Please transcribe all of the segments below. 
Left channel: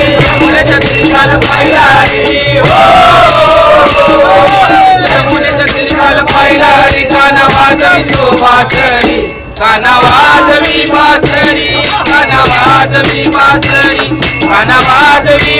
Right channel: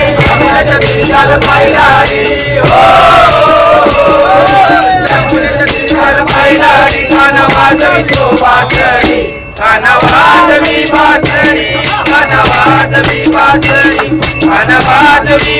निकाल पाहिला निकाल पाहिला कानावाज वासरी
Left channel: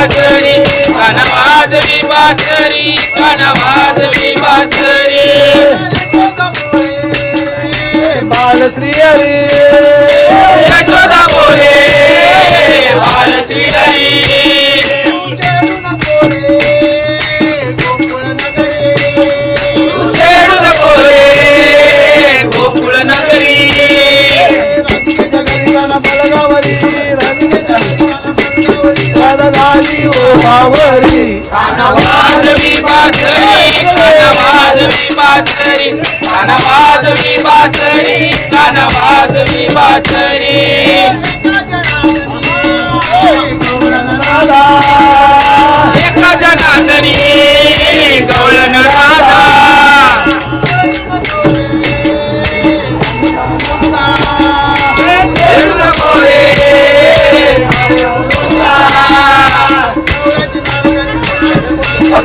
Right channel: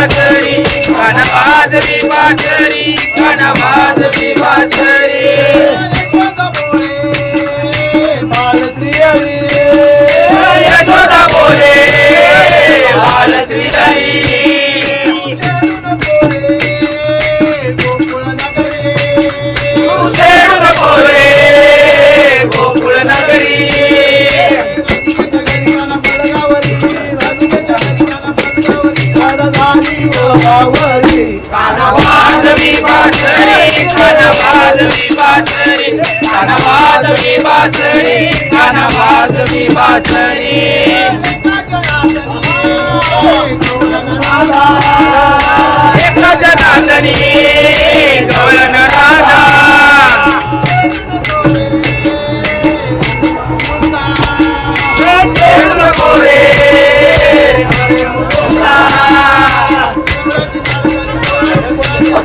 बासरी घन कन वाजवी वासरी कन वाजवी वासरी वाजवी बासरी कन बासरी कन बासरी बासरी एक जनातनी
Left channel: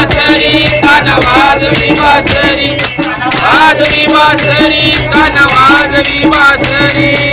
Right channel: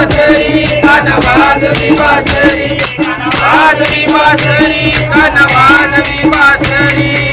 बासरी कनवाजवी बासरी कनवाजवी बासरी वाजवी कान कनवाजवी बासरी